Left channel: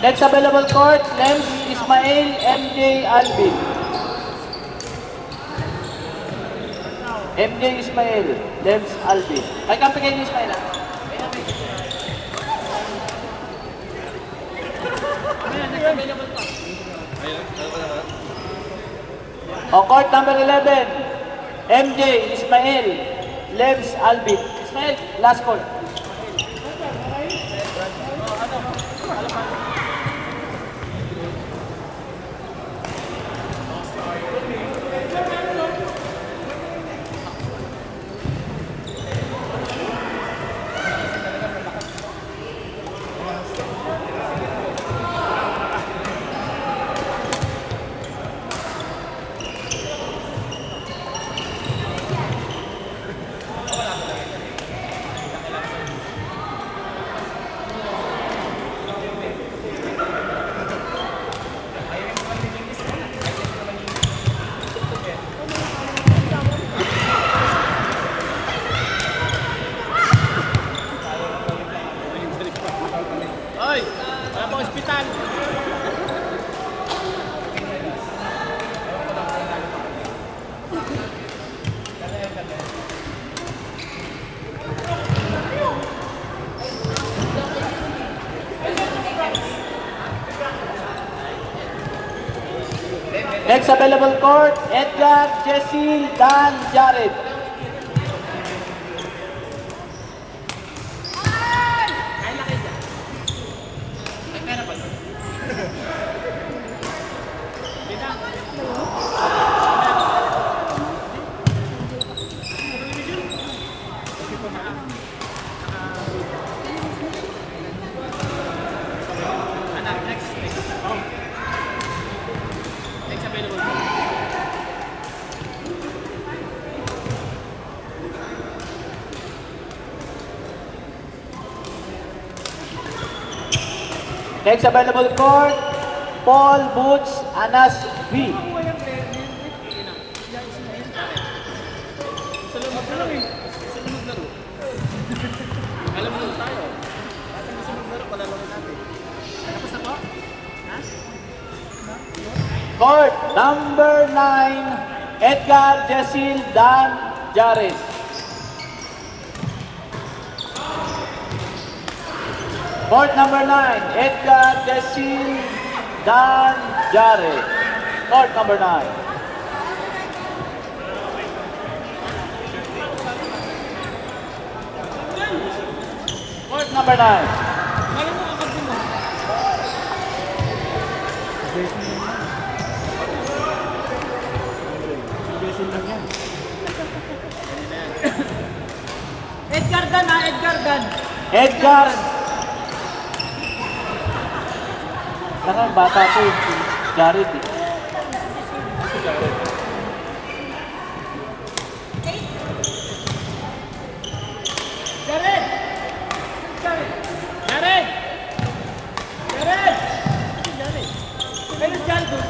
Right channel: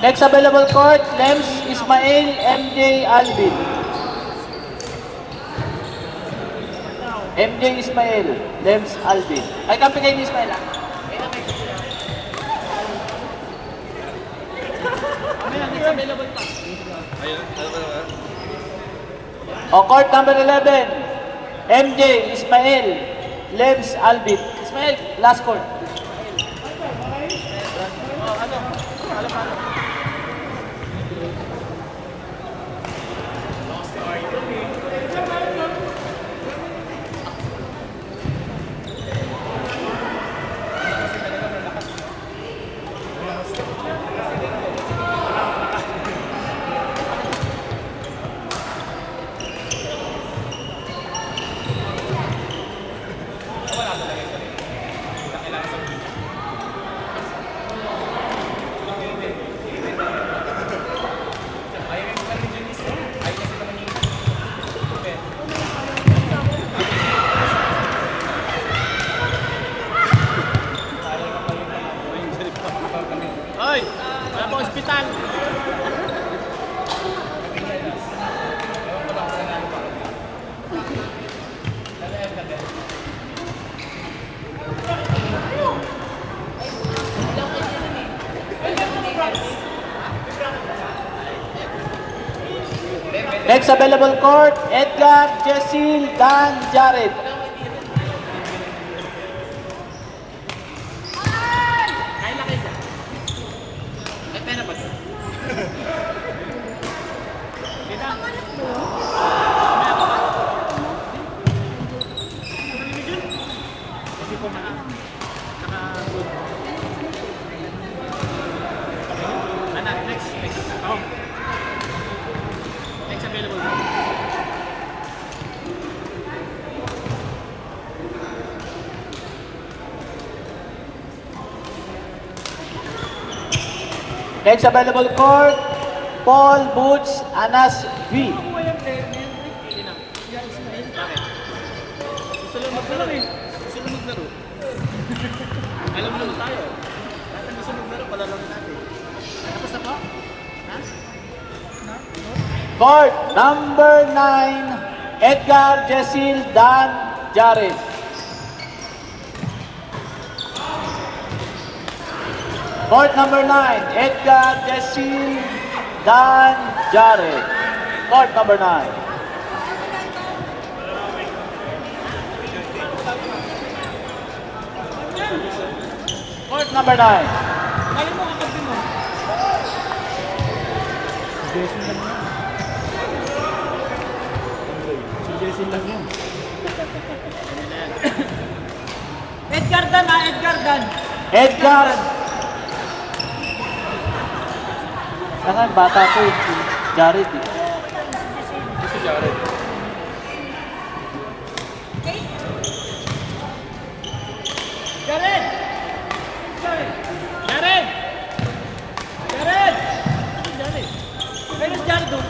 Next available court, Lems Ismail, MJ Alvin. MJ Ismail, Lems Alvin. Ay, kampi kayo ni Ismail ah. O, court number 11, MJ Ismail, Lems Alvin. Ismail, last court. Hoy! Wala pa ospital! Next available court, Edgar Jessil Dan Jared. Next available court, Paul Boots Anas V. Susunod laro. Alam mo na tayo. Bakit susunod laro pala laro natin? Tapos na po? Ha? Court number 9, Edgar Jessil Dan Jared. Court number 9, Edgar Jessil Dan Jared. Court number 9. Court number 9. Galing mo, kakabin mo. Edgar Dan ha, Edgar Dan. Edgar. Parang bata ko yung si Jared eh. Si Jared. Jared! Jared! Jared! Jared! Where's Jared?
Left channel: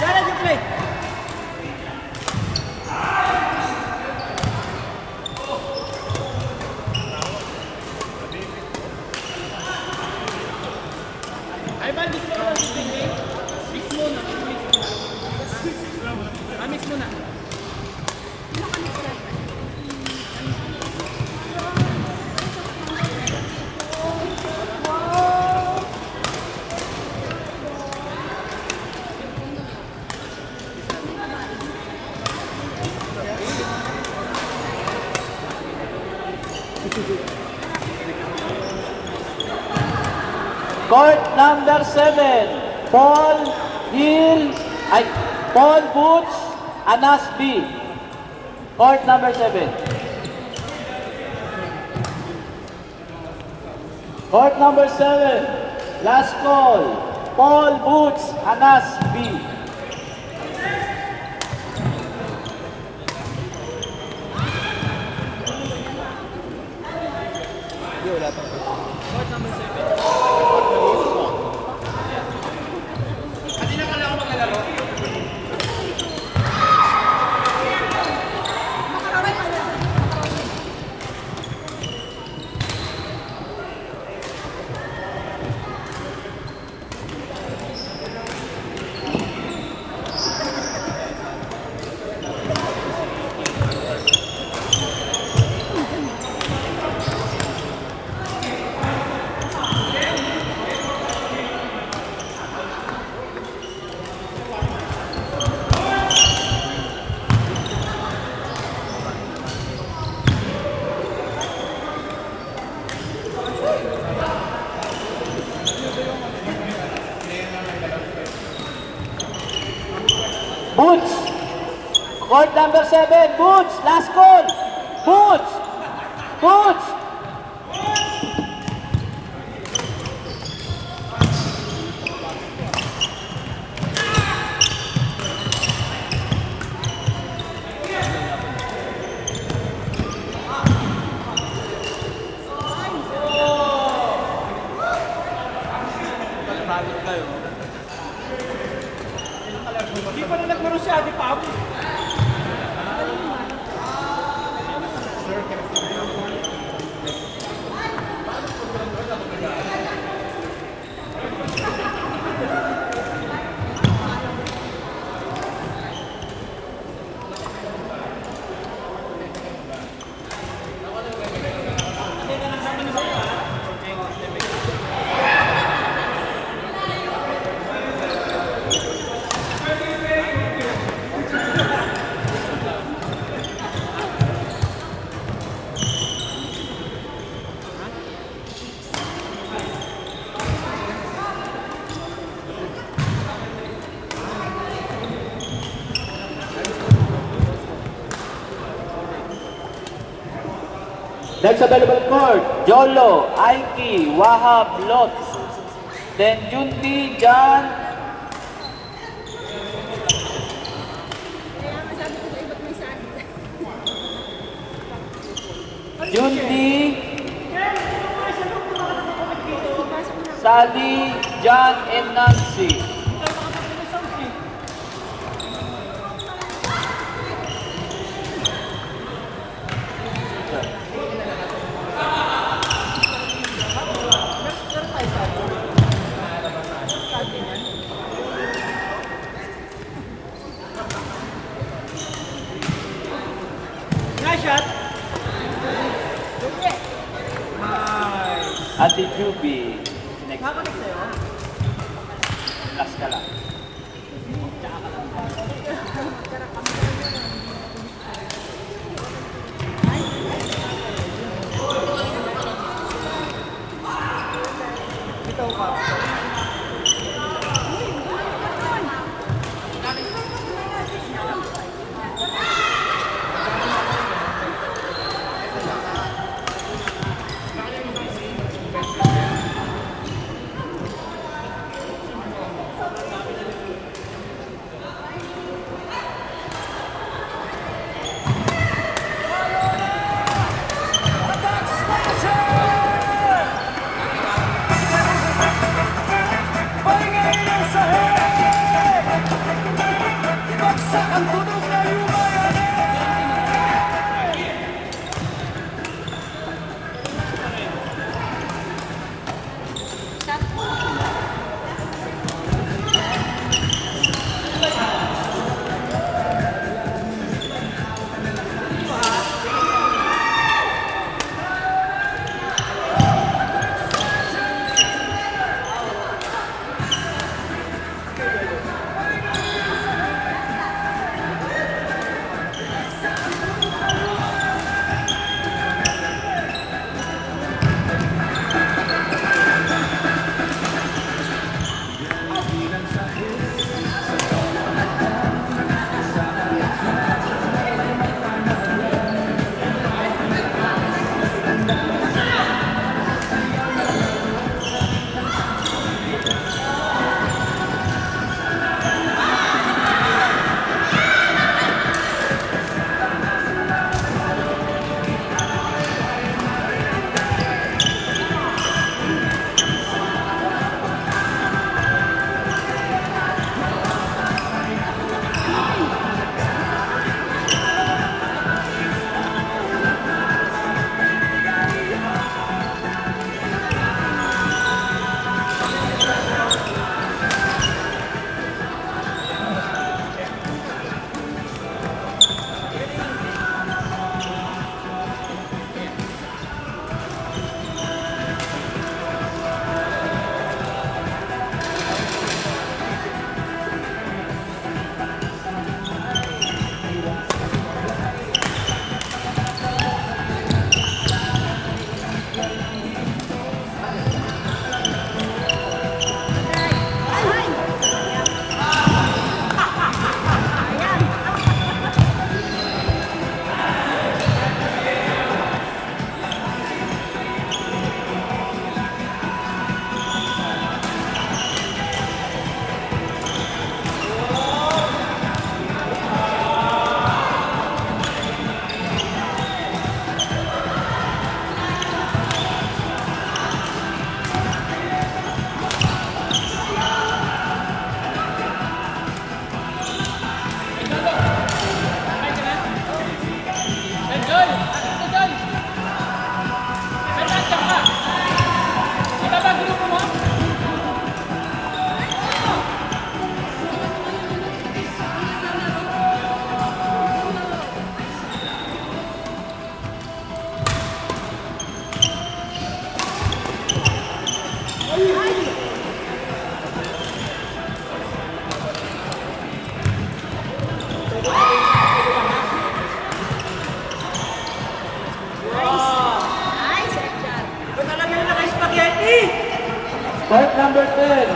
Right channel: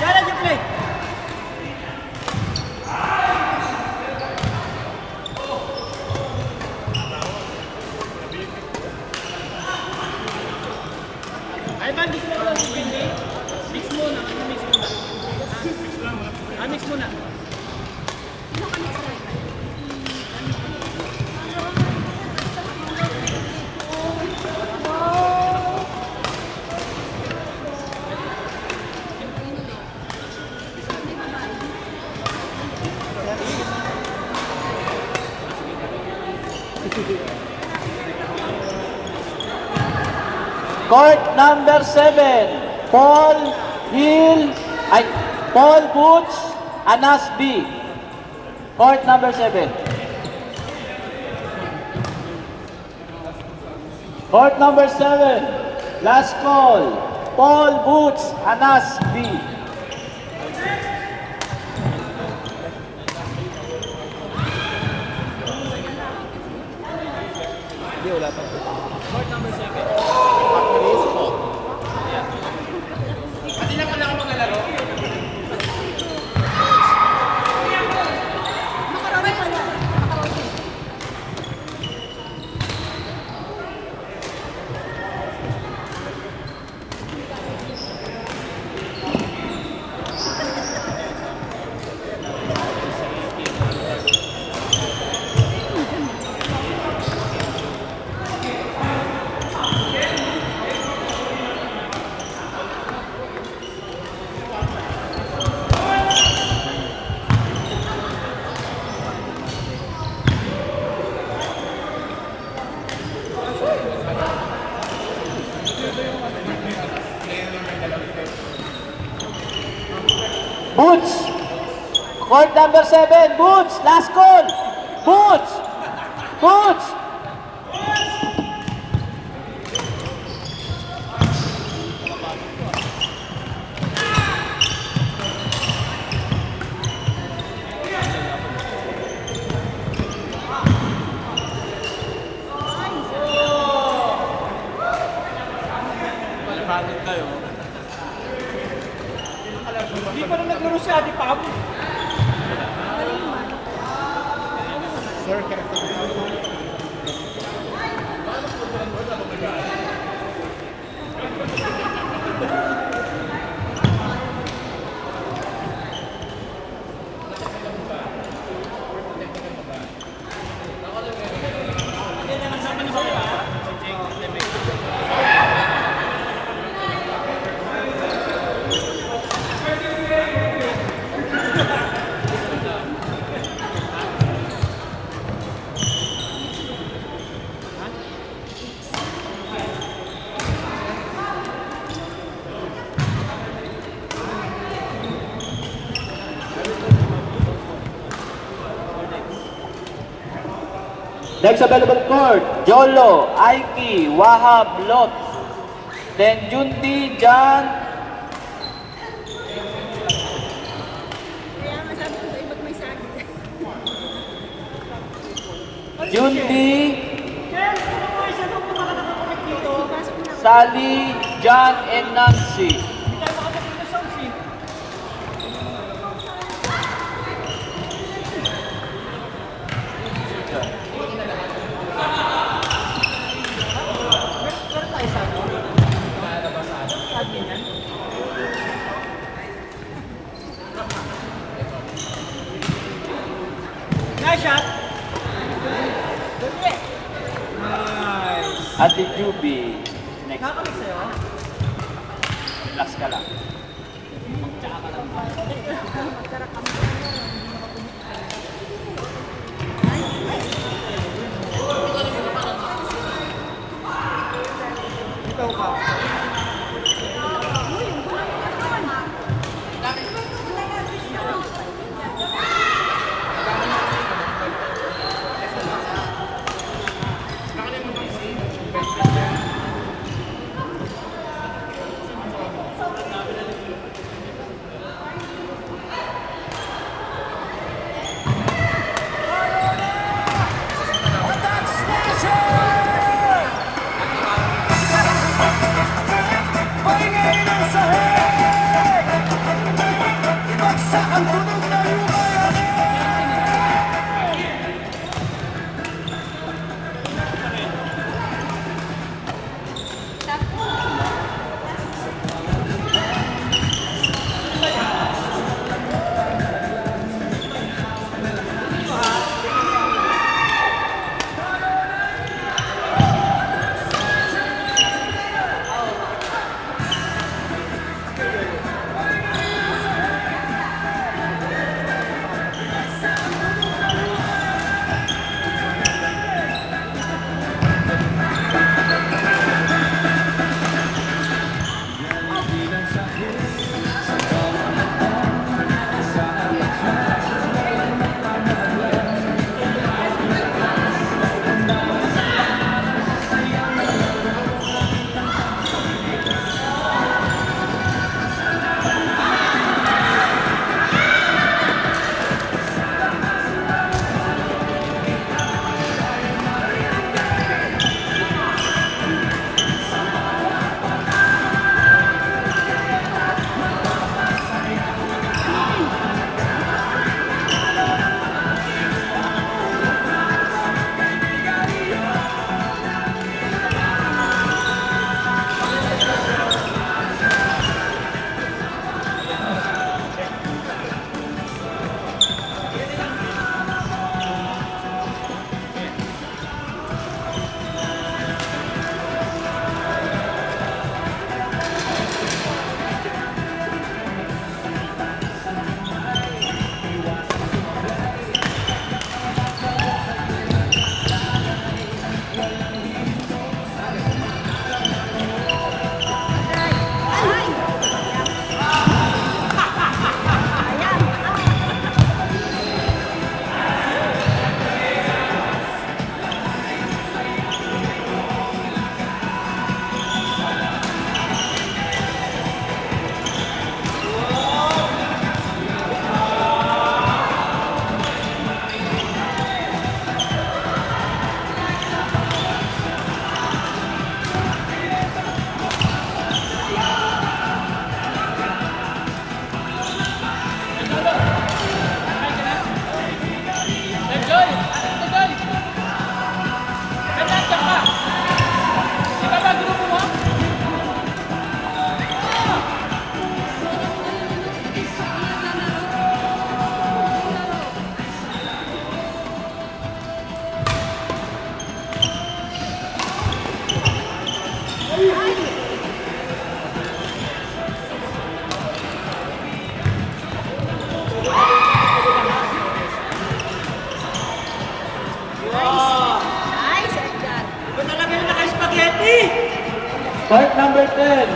Jared, you play. Ay, ba, mix mo na ako sa mix muna. Mix muna. Mix muna. Court number 7, Paul Boots Anas B. Court number 7. Court number 7, last call, Paul Boots Anas B. Hindi, wala pang Court number 7. Kanina pala ako maglalaro. Boots. Court number 7. Boots. Last call. Boots. Boots. Hindi pa rin naglaro siya, di pa. Next available court, Jolo, Aiki, Wahab, Lot. Then Junti, Jan, Junti, Sally, John, and Nancy. Nice shot. Ate Juby. Next. Nakakamit sa'yo. Last ka lang. Ikaw ka.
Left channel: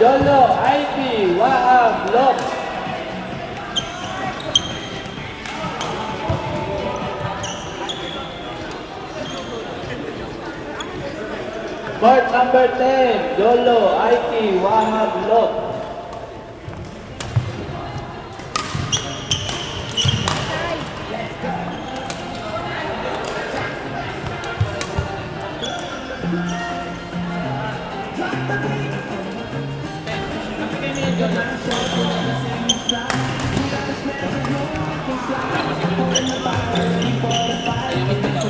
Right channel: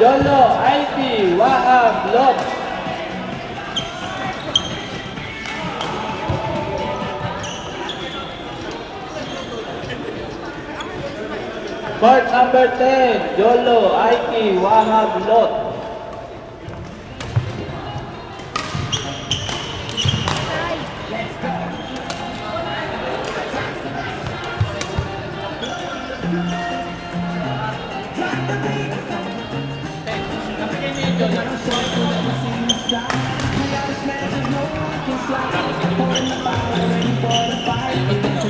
Jolo IP Wahab Lot. Court number 10, Jolo IP Wahab Lot. Tapos si Gilbert. Ayaw magtagaw.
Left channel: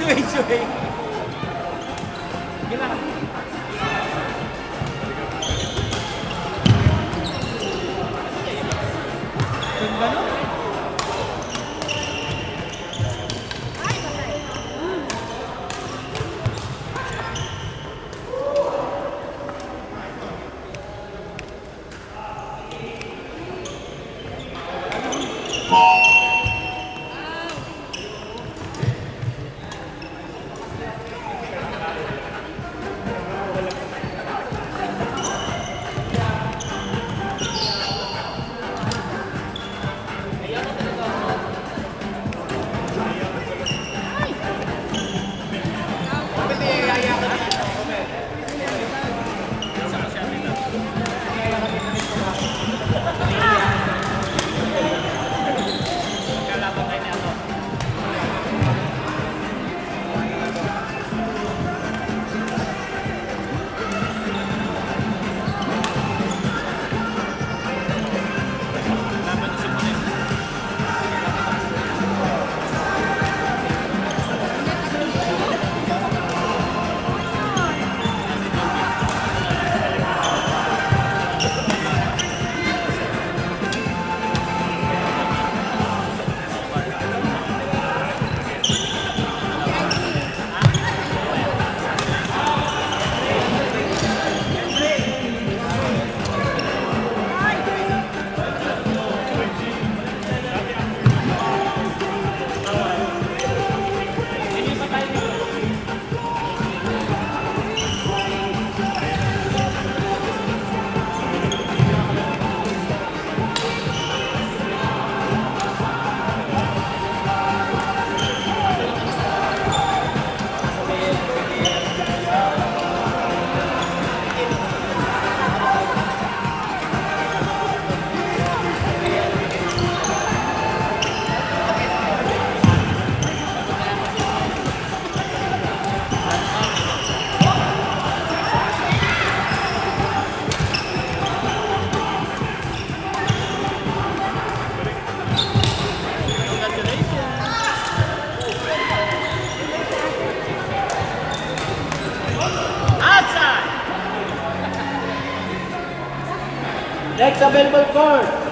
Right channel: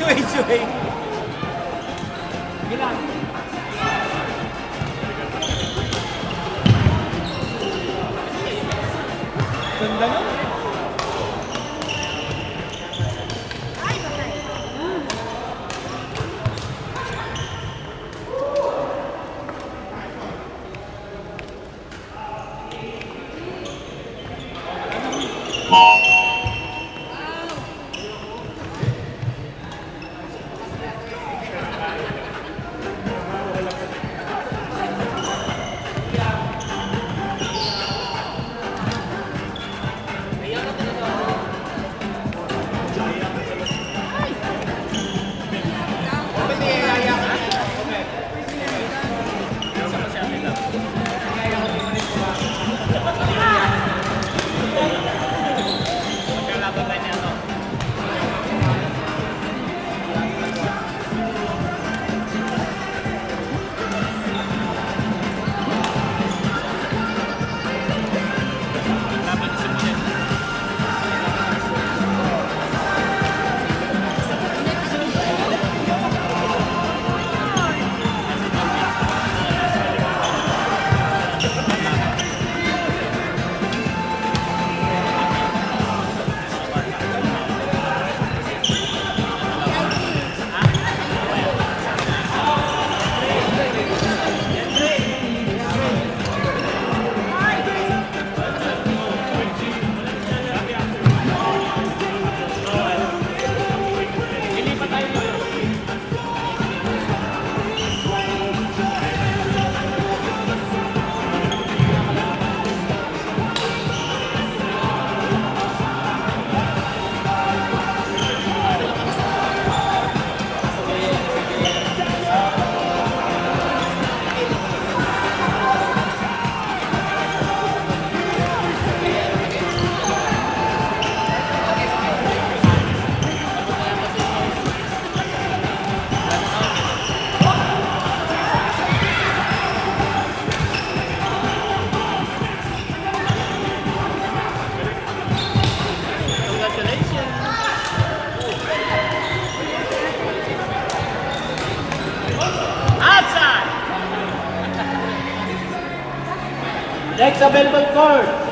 Suway-suway. Gila. Ganda no?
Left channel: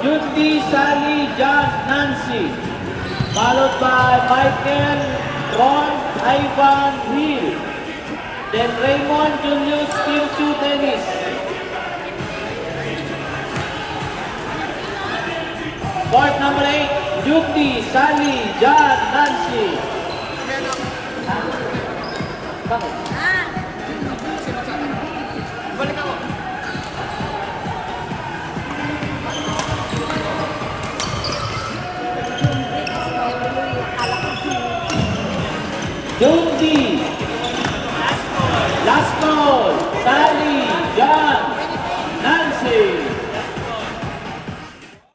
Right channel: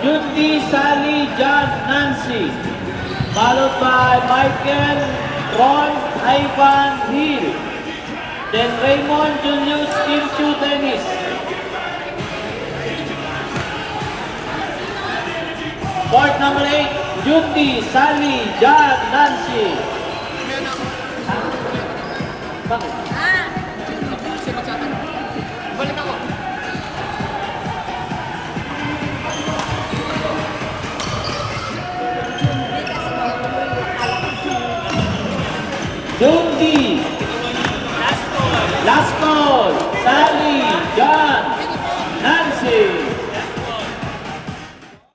Yuki, Sally, John, Nancy. Followed by Michael, Ron, Ivan, Hill. Then Raymond, Julius, Kirchu, Dennis. Court number 8, Yuki, Sally, John, Nancy. Bakit?